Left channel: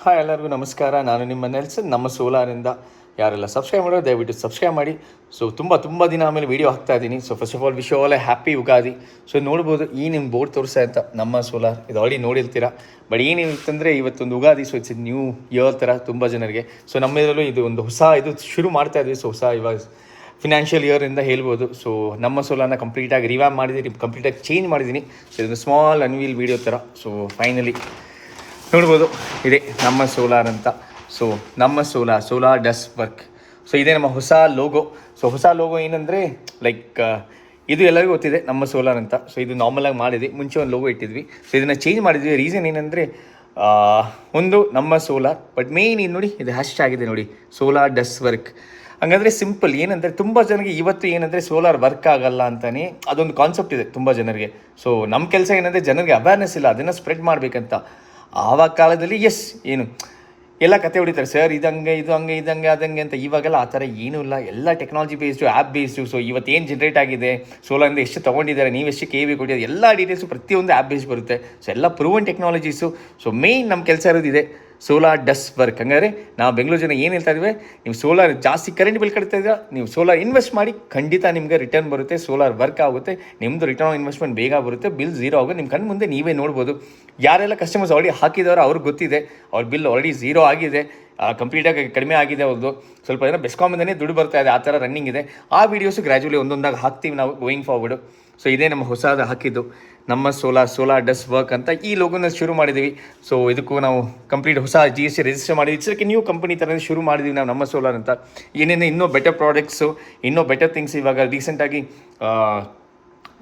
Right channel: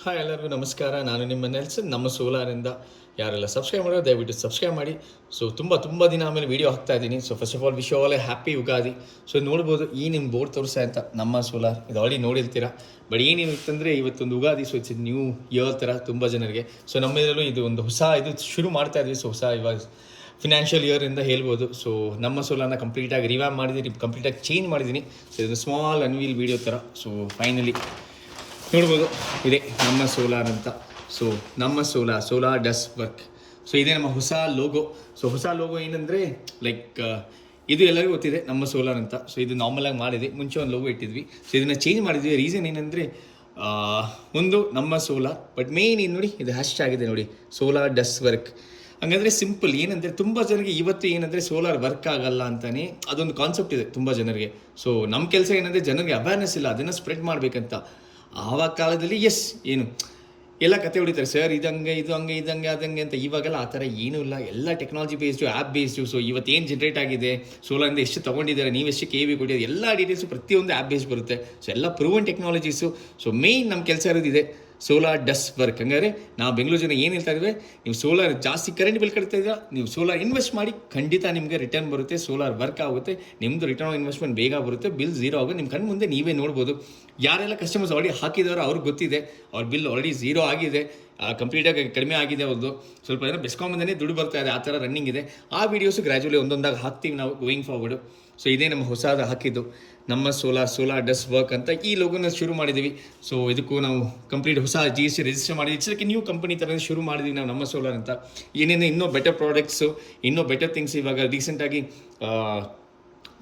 Hi ಎಲ್ಲರಿಗೂ ನಮಸ್ಕಾರ. ನಾನು ನಿಮ್ಮ ನೆಲ್ಸನ್ ನಮ್ಮ ಸೋಲಾರಿಂದ. ಯಾರೆಲ್ಲ ಸಬ್ಸ್ಕ್ರೈಬ್ ಮಾಡೋ ದಯವಿಟ್ಟು ಸಬ್ಸ್ಕ್ರೈಬ್ ಮಾಡಿ. ಸೊ ತುಂಬ ದಿನ ಆಮೇಲೆ ವೀಡಿಯೋ ಹಾಕ್ತಾ ಇದ್ದೀನಿ. So first of all wish all happy Ugadi. So ನೋಡ್ಬೋದು ಈ ನಿಮ್ಮ ಬೋರ್ಡ್ ತೋರಿಸ ಅಂತ ನಮ್ಮ ಸೋಲಾರ್ ಇದು ಆಲ್ರೆಡಿ ನೋಡಿರ್ತೀರ. ಬಟ್ ಏನಿರುತ್ತಂದರೆ ಇವತ್ತೊಂದು Ugadi. So it's new year ಥರ ತುಂಬ ಜನರಿಗೆ. ಸೊ ನಮ್ಮೆಲ್ಲರೂ ಇದು ಒಂದು ಹೊಸ ಇದು ಶುರು ಮಾಡ್ತಾ ಇದ್ವಿ. ಸೊ ಹೊಸ ಇವಾಗ ಫಿನಾನ್ಷಿಯಲ್ ಇಯರಿಂದ ಹೇಳ್ಬೋದು. ಸೊ ನಮ್ಮ ಸೋಲಾರ್ನ ಕಂಪ್ಲೀಟಾಗಿ ರಿವ್ಯಾಮ್ ಮಾಡಿದ್ದೀನಿ, ಕಂಪ್ಲೀಟಾಗಿ ಚೇಂಜ್ ಮಾಡಿದ್ದೀನಿ. ಸೊ ಇದೊಂದು ಸ್ಮಾಲ್ ಅನ್ವೀಲ್ ವೀಡಿಯೋ ಥರ. ಸೊ ಫೈನಲಿ ನೋಡ್ಬೋದು ಇದೆ ನಮ್ಮ ಸೋಲಾರ್ ಅಂತ. ಸೊ ನಮ್ಮ ಸೋಲಾರ್ ಡಸ್ ವರ್ಕ್. ಸೊ ಇದೇ ನಮ್ಮ ಹೊಸ ಲೋಗೋ. ಸೊ ಹೊಸ ಲೋಗೋ ಏನಂದರೆ ಲೈಕ್ ಇದು ಎಲ್ಲರಿಗೂ ಗೊತ್ತಿದೆ ನಮ್ಮ ಸೋಲಾರ್ ಅಂತ. ಸೊ ಇದು ನಾರ್ಮಲಾಗಿ ಮಾಡಿದ್ವಿ, ಮುಂಚೆ ಒಂದು ಲೋಗೋ ಇಟ್ಟಿದ್ವಿ. ಸೊ ಇದನ್ನು ಚೇಂಜ್ ಮಾಡಿದ್ವಿ. ರೀಸನ್ ಏನಂದರೆ ಒಂದು ನಮ್ಮ ಸೋಲಾರ್, ಬಟ್ ಮೇಯ್ನ್ ಇದು ನೋಡಿ ಇದು ಹ್ಯಾಶ್ ಆಗಿದೆ ನೋಡಿ, ಸೋಲಾರ್ ಡಸ್ ವರ್ಕ್. ಹಂಗಂದರೆ ಸಿಂಪಲ್ ಏನಂದರೆ ತುಂಬ ಜನರಿಗೆ ಇವತ್ತು ಏನಂದರೆ ಸೋಲಾರ್ ವರ್ಕ್ ಆಗಲ್ಲ ಅಂತಲೇ ಅದೊಂದು ಕಾನ್ಸೆಪ್ಟ್ ಇದೆ ತುಂಬ ಜನರಿಗೆ. ಸೊ ನಮ್ಮ ಕೆಲಸ ಏನಂದರೆ ಜನರಿಗೆ ಅವೇರ್ನೆಸ್ ಇಲ್ಲ, ಅದನ್ನು ಸ್ಪ್ರೆಡ್ ಮಾಡಬೇಕಂತ. ಆವಾಗ ಕಾಲದಲ್ಲಿ ಏನು ಎಲ್ಲ ಕತೆ ಹೊಡಿತಾರೆ, ಸರ್ ಇದಂಗೆ ಇದು ಹಂಗೆ ಇದಂಗೆ ಅದಂಗೆ ಅಂತ. ಇವಾಗೆಲ್ಲ ಆ ಥರ ಏನೂ ಇಲ್ಲ, ಎಲ್ಲ technology based, app based. So ಇವತ್ತೇನು ಜನ್ರೇಟ್ ಆಗಿದೆ, ಸೋಲಾರಿಂದ ಎಷ್ಟು ತೊಗೊಂಡಿದ್ದಾರೆ, ನೀವು ಎಷ್ಟು ಕೆ ವಿ ಕೊಟ್ಟಿದ್ದಾರೆ, ಎಲ್ಲ ಡೀಟೇಲ್ಸು ಪ್ರತಿಯೊಂದು ಆ್ಯಪ್ ಬೇಸ್ ಬರುತ್ತೆ. ಸೊ ಎಲ್ಲ ಪ್ರೂವನ್ ಟೆಕ್ನಾಲಜೀಸು. ಸೊ ಮೇಯ್ನ್ ನಮ್ಮ ಕೆಲಸ ಇರೋದಿದೆ ಸೋಲಾರ್ ಡಸ್ ವರ್ಕ್. ಹಂಗಾರೆ ನಾವು ಬೆಂಗಳೂರು ಜನ ಏನು ಹೇಳ್ತಾ ಇದ್ದೀವಿ, ನೀವು ಸೋಲಾರ್ ಜಾಸ್ತಿ ಕರೆಂಟ್ ಬಿಲ್ ಕಟ್ತಾ ಇದ್ದೀರಾ, ನೀವು ಸೋಲಾರ್ ಇನ್ವೆಸ್ಟ್ ಮಾಡಿ, ಖಂಡಿತ ನಿಮಗೆ ರಿಟರ್ನ್ ಬರುತ್ತೆ. ಸೋಲಾರ್ ವರ್ಕ್ ಆಗುತ್ತೆ, ನಿಮ್ಮದು ರಿಟರ್ನ್ ಆನ್ ಇನ್ವೆಸ್ಟ್ಮೆಂಟ್ ಬೇಗ ಬರುತ್ತೆ, ಬಿಲ್ ಝೀರೋ ಆಗುತ್ತೆ. ನಿಮ್ಮ ಕಣ್ಣು ಮುಂದೆ ನೀವೇ ನೋಡ್ಬೋದು. ಯಾರೆಲ್ಲ ಕಸ್ಟಮರ್ಸ್ ಆಲ್ರೆಡಿ ಹಾಕಿದವರು ಅವ್ರಿಗೆ ಗೊತ್ತಿದೆ, ಅವ್ರ ಬಿಲ್ ಆಲ್ರೆಡಿ ಝೀರೋ ಆಗಿದೆ, ಕಂಪ್ಲೀಟಾಗಿ ಕಡಿಮೆ ಆಗಿದೆ ಅವ್ರದ್ದು. ಸ್ವಲ್ಪ ಜನ ಬೆಸ್ಕಾಮಿಂದನೇ ದುಡ್ಡು ಬರ್ತಾ ಇದೆ, ಆ ಥರ ರನ್ನಿಂಗ್ ಇದೆ. ಆ ವೀಡಿಯೋಸು ಗ್ರ್ಯಾಜುವಲಿ ಒಂದೊಂದಾಗಿ ಹಾಕ್ತೀವಿ ನಾವು ಗೋಯಿಂಗ್ ಫಾರ್ವರ್ಡು. ಸೊ ಇದೇ ನಮ್ಮ ಹೊಸದು ಹಾಕಿದ್ದು ನಮ್ಮ ಸೋಲಾರ್ ಡಸ್ ವರ್ಕ್ ಅಂತ ಈ ಲೋಗೋನ ಶುರು ಮಾಡಿದ್ದೀವಿ. ಸೊ ಇದಕ್ಕೂ ನಾವು ಕಂಪ್ಲೀಟ್ ಹೊಸ GST ರಿಜಿಸ್ಟರ್ ಮಾಡಿದ್ವಿ. ಇಟ್ಸ್ ನ್ಯೂ ಕಂಪನಿ ಥರ ಶುರು ಮಾಡಿದ್ವಿ ನಾವು ನಮ್ಮ ಸೋಲಾರ್ ಅಂತ. ಏನೇನು ಇನ್ನೂ ಬೆಟರ್ ಪ್ರಾಡಕ್ಟ್ಸು, ಇನ್ನೂ ಬೆಟರ್ ಥಿಂಗ್ಸ್. ಇವಾಗ ರೀಸೆಂಟಾಗಿ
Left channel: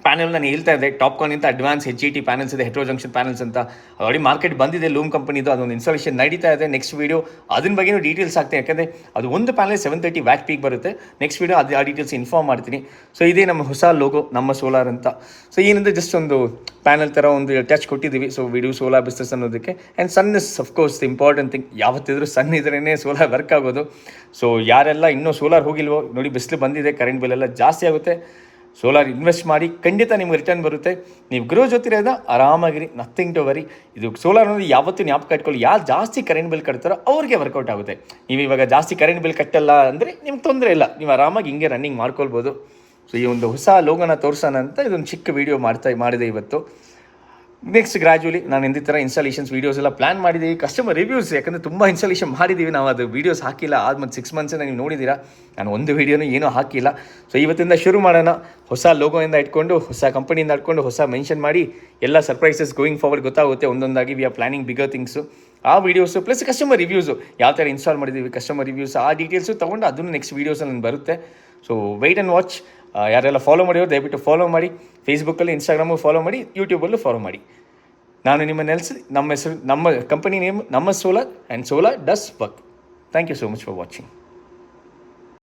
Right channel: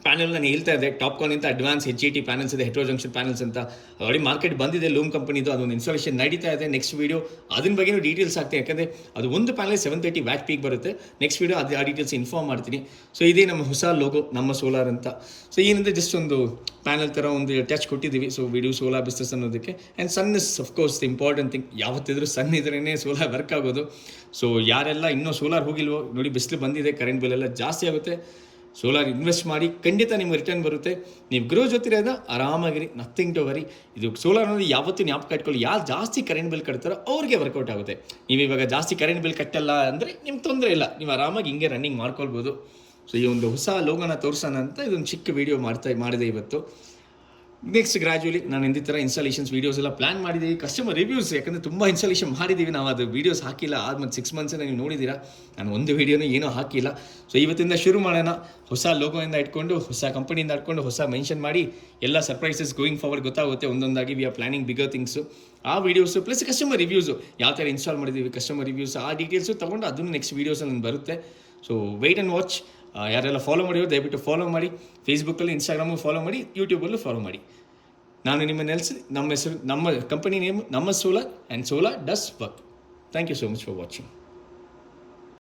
ಪ್ಯಾನಲ್ ನಾನು ಹೇಳ್ತಾ ಇದ್ದೆ, ಟಾಪ್ಕಾನ್ ಅಂತ ಅಡ್ವಾನ್ಸ್ HET ಪ್ಯಾನಲ್ಸ್ ಇದೆ, ಹೆಟ್ರೋ ಜಂಕ್ಷನ್ ಪ್ಯಾನಲ್ಸ್ ಅಂತ ಆಲ್ರೆಡಿ ಮಾರ್ಕೆಟ್ ಬಂದಿದೆ ಲೂಮ್ ಕಂಪನಿದು. ಅದೊಂದು ಇನ್ಸ್ಟಾಲೇಷನ್ ನಡೀತಾ ಇದೆ. ನೆಕ್ಸ್ಟ್ ವೀಡಿಯೋ ಅದ್ರ ಬಗ್ಗೆಯೂ ಡೀಟೇಲ್ಸ್ ಆಗ್ತೀನಿ, ಯಾಕಂದರೆ ಅದು ಒಂದು ಪ್ಯಾನಲ್ 730 ವ್ಯಾಟ್ ಪೀಕ್ ಬರುತ್ತೆ. ನೆಕ್ಸ್ಟ್ ವೀಡಿಯೋ ಆ ಡೀಟೇಲ್ಸ್ ಇನ್ಫಾರ್ಮ್ ಮಾಡ್ತೀನಿ. ಸೊ ಇದೇ ನಮ್ಮ ಹೊಸ ಲೋಗೋ ನಮ್ಮ ಸೋಲಾರ್ ಅಂತ. ಸೊ ಏನಂದರೆ ಜಸ್ಟ್ ಒಂದು ಪ್ಯಾನಲ್ ಥರ ಒಂದು ಟಚ್ ಕೊಟ್ಟಿದ್ದೀವಿ. ಸೊ ವಿಡಿಯೋ ಸೋಲಾರ್ ಬಿಸ್ನೆಸ್ ಅನ್ನೋದಕ್ಕೆ. And sun is of course the important thing. ಯಾವತ್ತಿದ್ರೂ ಸನ್ ಇದ್ರೇ ಸೋಲಾರ್ ವರ್ಕ್ ಆಗೋದು. ಸೊ ಯಾರೆಲ್ಲ ಇನ್ನೂ ಸೋಲಾರ್ ಹೋಗಿಲ್ವೋ ನೋಡಿ, ಬಿಸಿಲು ಬಂದಿದೆ, ಕರೆಂಟ್ ಬಿಲ್ ಎಲ್ಲ ಜಾಸ್ತಿ ಆಗುತ್ತೆ. ಸೋಲಾರ್ ಇನ್ವೆಸ್ಟ್ ಮಾಡಿ, ಖಂಡಿತ ನಿಮ್ಗೆ ರಿಟರ್ನ್ ಬರುತ್ತೆ. ನೀವು ಗ್ರೋ ಜೊತೆರೋದ ಆರಾಮಾಗಿರಿ, ನಥಿಂಗ್ ಟು ವರಿ. ಇದು ಸೋಲಾರ್ ಅಂದರೆ ಯಾವತ್ತೂ ಜ್ಞಾಪಕ ಇಟ್ಕೊಳ್ಳಿ, ಯಾರು ಜಾಸ್ತಿ ಕರೆಂಟ್ ಬಿಲ್ ಕಟ್ತಾರೋ ಅವ್ರಿಗೆ ವರ್ಕೌಟ್ ಆಗುತ್ತೆ. ನೀವು ಇವಾಗ ಜಾಸ್ತಿ ಕರೆಂಟ್ ಬಿಲ್ ಕಟ್ಟಲ್ಲ ಅಂದರೆ ನಿಮ್ಗೆ ತೊಂದರೆ ಇಲ್ಲ, ನೀವು ಆರಾಮಾಗಿ ಹಿಂಗೆ ರನ್ನಿಂಗ್ ಮಾಡ್ಕೊಳ್ಬೋದು. ಸೊ ಈ ಒಂದು ಹೊಸ ಲೋಗೋನ ತೋರಿಸೋಣ ಅಂತ ಇದೊಂದು ಚಿಕ್ಕ ವೀಡಿಯೋ ಮಾಡಿದೆ ಇವತ್ತು. ನೆಕ್ಸ್ಟ್ ಗ್ರ್ಯಾಜುವಲಿ ನಾನು ಈ ಥರ ಇನ್ಸ್ಟಾಲೇಷನ್ಸ್ ವೀಡಿಯೋಸ್ ಎಲ್ಲ ಪ್ಲಾನ್ ಮಾಡಿದ್ದೀವಿ. ಕಸ್ಟಮರ್ ರಿವ್ಯೂಸ್, ಯಾಕಂದರೆ ತುಂಬ ಇನ್ಸ್ಟಾಲೇಷನ್ ಮಾಡಿದ್ದೀವಿ ನಾವು, ಅದು ವೀಡಿಯೋಸ್ ಹಾಕಿಲ್ಲ. ಆದ್ಮೇಲೆ 6 ಮಂತ್ಸಿಂದ ನೀವು ನೋಡಿದ್ದೀರಾ, ನಾನು ಒಂದು ವೀಡಿಯೋನೂ ಏನೂ ಹಾಕಿಲ್ಲ. ಸೊ ಇವತ್ತಿಂದ ಶುರು ಮಾಡೋಣ. ಹೊಸ ಲೋಗೋಯಿಂದ ಇಟ್ಕೊಂಡು, ಹೊಸ ಕಂಪನಿಯಿಂದ ಇಟ್ಕೊಂಡು, ಹೊಸ ಮೆನ್ಷನ್ ಮಾಡಿ, ಎಲ್ಲ ಸರ್ಪ್ರೈಸಸ್ ಗೋಯಿಂಗ್ ಫಾರ್ವರ್ಡ್ ಗೊತ್ತಾಗುತ್ತೆ ಒಂದೊಂದಾಗಿ. We are planning bigger things. ಆ ವೀಡಿಯೋಸು ಪ್ಲಸ್ ಕಸ್ಟಮರ್ ರಿವ್ಯೂಸು, ಯಾವ ಥರ ಇನ್ಸ್ಟಾಲ್ ಮಾಡಿದ್ದೀವಿ, ಕಸ್ಟಮರ್ ರಿವ್ಯೂಸ್, ಆ ಡೀಟೇಲ್ಸು ತೊಗೊಂಡು ಅದನ್ನು ನೆಕ್ಸ್ಟ್ ವೀಡಿಯೋಸಲ್ಲಿ ಬರುತ್ತೆ. So wait and watch. ಯಾರೆಲ್ಲ ಫಾಲೋ ಮಾಡಿರೋ ದಯವಿಟ್ಟು ಫಾಲೋ ಮಾಡಿ. ಫೇಸ್ಬುಕ್ಕಲ್ಲಿ, ಇನ್ಸ್ಟಾಗ್ರಾಮು ಫಾಲೋ ಮಾಡಿ, ಯೂಟ್ಯೂಬಲ್ಲೂ ಫಾಲೋ ಮಾಡಿ. ನಾನು ನಿಮ್ಮ ನಮ್ಮ ಹೆಸರು, ನಮ್ಮ ಕಂಪನಿ ನೇಮ್ ನಮ್ಮ solar and solar does work. Thank you so much for watching.